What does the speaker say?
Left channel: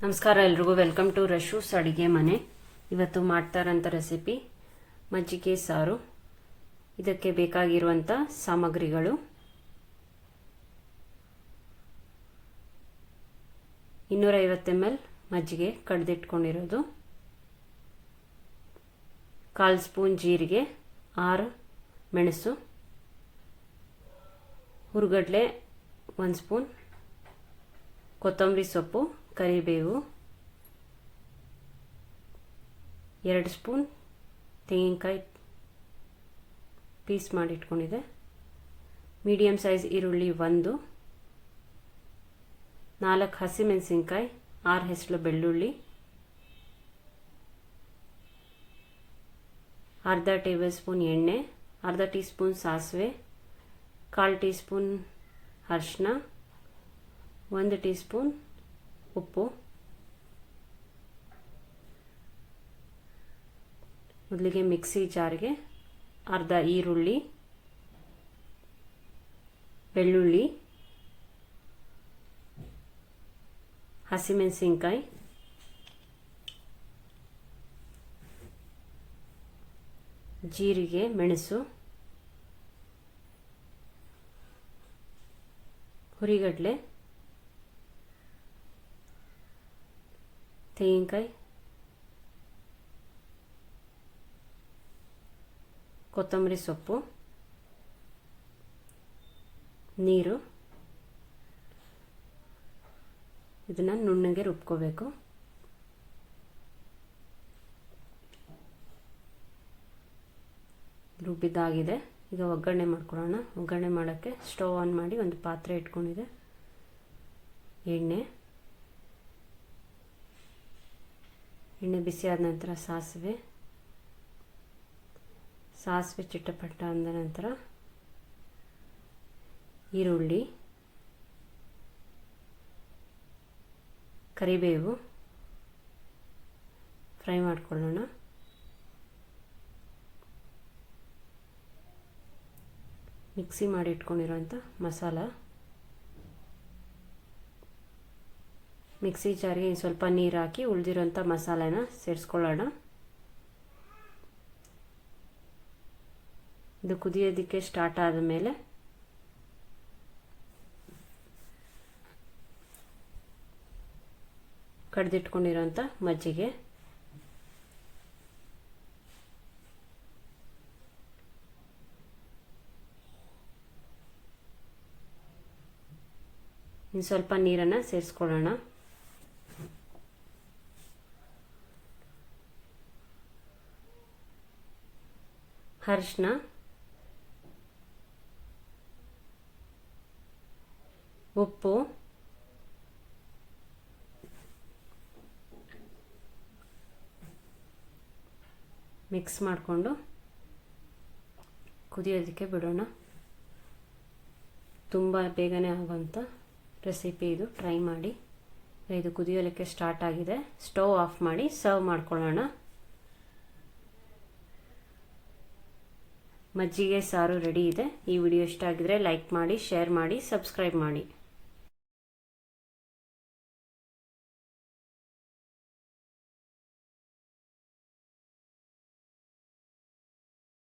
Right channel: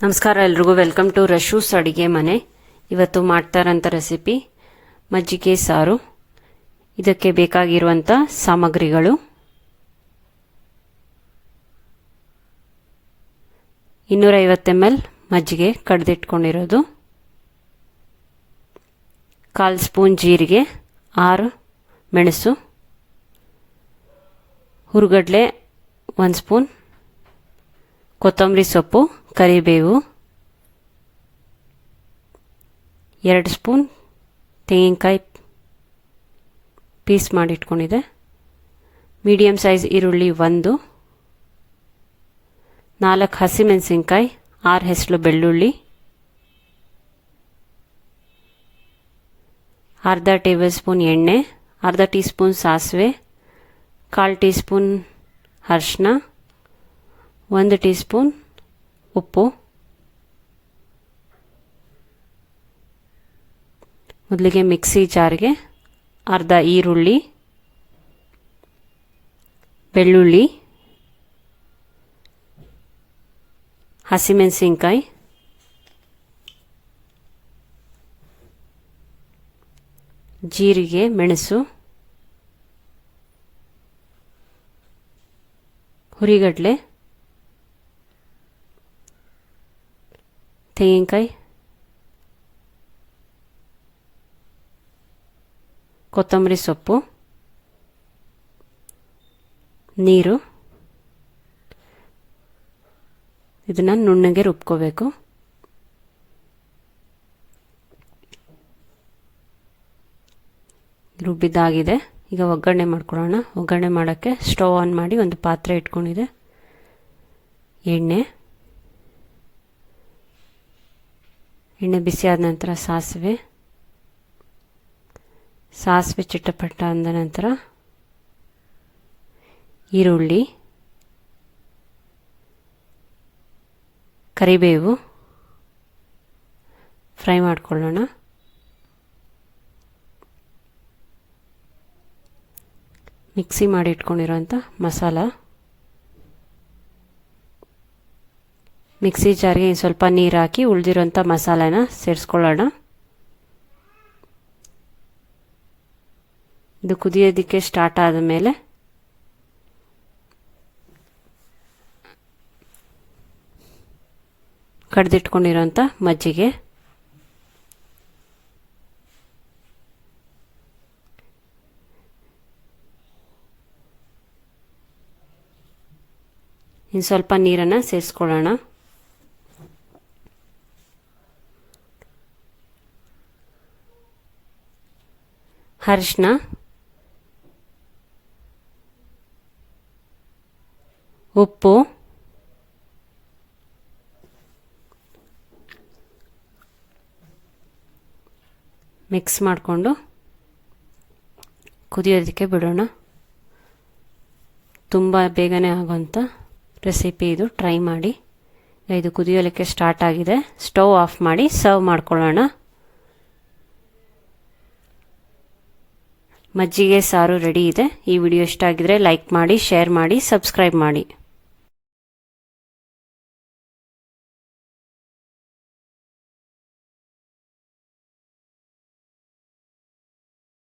ನಮಸ್ಕಾರ ಎಲ್ರಿಗೂ, welcome to ರಶೂಸ್ ಅಡಿಗೆ ಮನೆ. ಇವತ್ತು ಮಾಡ್ತಾರಂಥ ರೆಸಿಪಿ ಮಜ್ಜಿಗೆ ಸಾರು. ಇದಕ್ಕೆ ಬೇಕಾಗಿರುವಂಥ ಸಾಮಗ್ರಿಗಳು: 250 ml ಮಜ್ಜಿಗೆ ಕಡ್ದಿಟ್ಕೊಂಡಿರೋದು, 1/4 ಸ್ಪೂನ್ ಜೀರಿಗೆ, 6 ಮೆಣಸು, ಹುರುಗಡ್ಲೆ 1 ಸ್ಪೂನ್, ಕೊತ್ತಂಬರಿ ಸೊಪ್ಪು, ಕರಿಬೇವು, 2 ಸ್ಪೂನ್ ತೆಂಗಿನಕಾಯಿ ಪೀಸ್ ಮಾಡಿಟ್ಕೊಂಡಿದೆ, ಮೀಡಿಯಮ್ ಸೈಜ್ ಈರುಳ್ಳಿ 1, 4 ಹಸಿಮೆಣಸಿನ್ಕಾಯಿ, 6 ಹೆಸರು ಬೆಳ್ಳುಳ್ಳಿ, ಅರ್ಧ ಟೇಬಲ್ ಸ್ಪೂನ್ ಎಣ್ಣೆ, ಅರ್ಧ ಟೀ ಸ್ಪೂನ್ ಸಾಸಿವೆ, 1/4 ಟೀ ಸ್ಪೂನ್ ಅರಿಶಿನ, 1 ಟೀ ಸ್ಪೂನ್ ಉಪ್ಪು. ಮೊದಲಿಗೆ ಮಿಕ್ಸಿ ಜಾರ್ಗೆ ಅರ್ಧ ಈರುಳ್ಳಿ, ಬೆಳ್ಳುಳ್ಳಿ, ಹಸಿಮೆಣಸಿನ್ಕಾಯಿ, ಜೀರಿಗೆ, ಮೆಣಸು, ಹುರಿಗಡ್ಲೆ, ತೆಂಗಿನಕಾಯಿ, ಕೊತ್ತಂಬರಿ ಸೊಪ್ಪು, ನೀರು. ಇದನ್ನು ನುಣ್ಣಗೆ ರುಬ್ಕೋಬೇಕು. ರುಬ್ಬಿದ್ದಾಗಿದೆ. ಈಗ ಒಗ್ಗರಣೆ ಮಾಡ್ಕೊಳ್ಳೋಣ. ಒಗ್ಗರಣೆ ಮಾಡೋಕ್ಕೆ ಸ್ಟವ್ ಆನ್ ಮಾಡಿ ಒಂದು ಪಾತ್ರೆ ಇಟ್ಕೊಂಡಿದೆ. ಎಣ್ಣೆ ಬಿಸಿ ಆದ ನಂತರ ಸಾಸಿವೆ ಚಿಟಪಟ ಅಂದ ನಂತರ ಈರುಳ್ಳಿ, ಕರಿಬೇವು ಫ್ರೈ ಮಾಡ್ಕೊಳ್ಳೋಣ. ಮಿಕ್ಸಿ ಮಾಡಿ ಇಟ್ಕೊಂಡಿರೋಂಥ ಮಸಾಲ, ಮಿಕ್ಸಿ ಜಾರ್ಗೆ ಸ್ವಲ್ಪ ನೀರು ಹಾಕಿ ಉಳಿದಿರೋಂಥ ಮಸಾಲೆನ ಸೇರಿಸ್ಕೊಳ್ಳೋಣ. ಇದು ಕುದಿಯೋದಕ್ಕೆ ಸ್ಟಾರ್ಟ್ ಆದ ಮೇಲೆ ಕಡ್ದಿಟ್ಕೊಂಡಿರೋಂಥ ಮಜ್ಜಿಗೆ, ಇನ್ನು ಸ್ವಲ್ಪ ನೀರನ್ನು ಸೇರಿಸ್ಕೊಳ್ಳೋಣ. ಅರಿಶಿನ, ಉಪ್ಪು, ಮಿಕ್ಸ್ ಮಾಡಿಕೊಂಡು ಕುದಿಯೋದಕ್ಕೆ ಬಿಡೋಣ. ತುಂಬ ಬೇಗನೆ ಆಗೋಂಥ ರೆಸಿಪಿ ಇದು, ಟ್ರೈ ಮಾಡಿ. ಇದು ಕುದಿಯೋಲಿಕ್ಕೆ ಸ್ಟಾರ್ಟ್ ಆಗಿದೆ. ಸ್ಟವ್ ಆಫ್ ಮಾಡಿ ಸರ್ವ್ ಮಾಡ್ಕೊಳ್ಳೋಣ. ಮಜ್ಜಿಗೆ ಸಾರು ರೆಡಿ ಇದೆ. ಈ ವಿಡಿಯೋ ಇಷ್ಟ ಆಗಿದ್ರೆ ಲೈಕ್ ಮಾಡಿ, ಶೇರ್ ಮಾಡಿ, ಸಬ್ಸ್ಕ್ರೈಬ್ ಮಾಡಿ.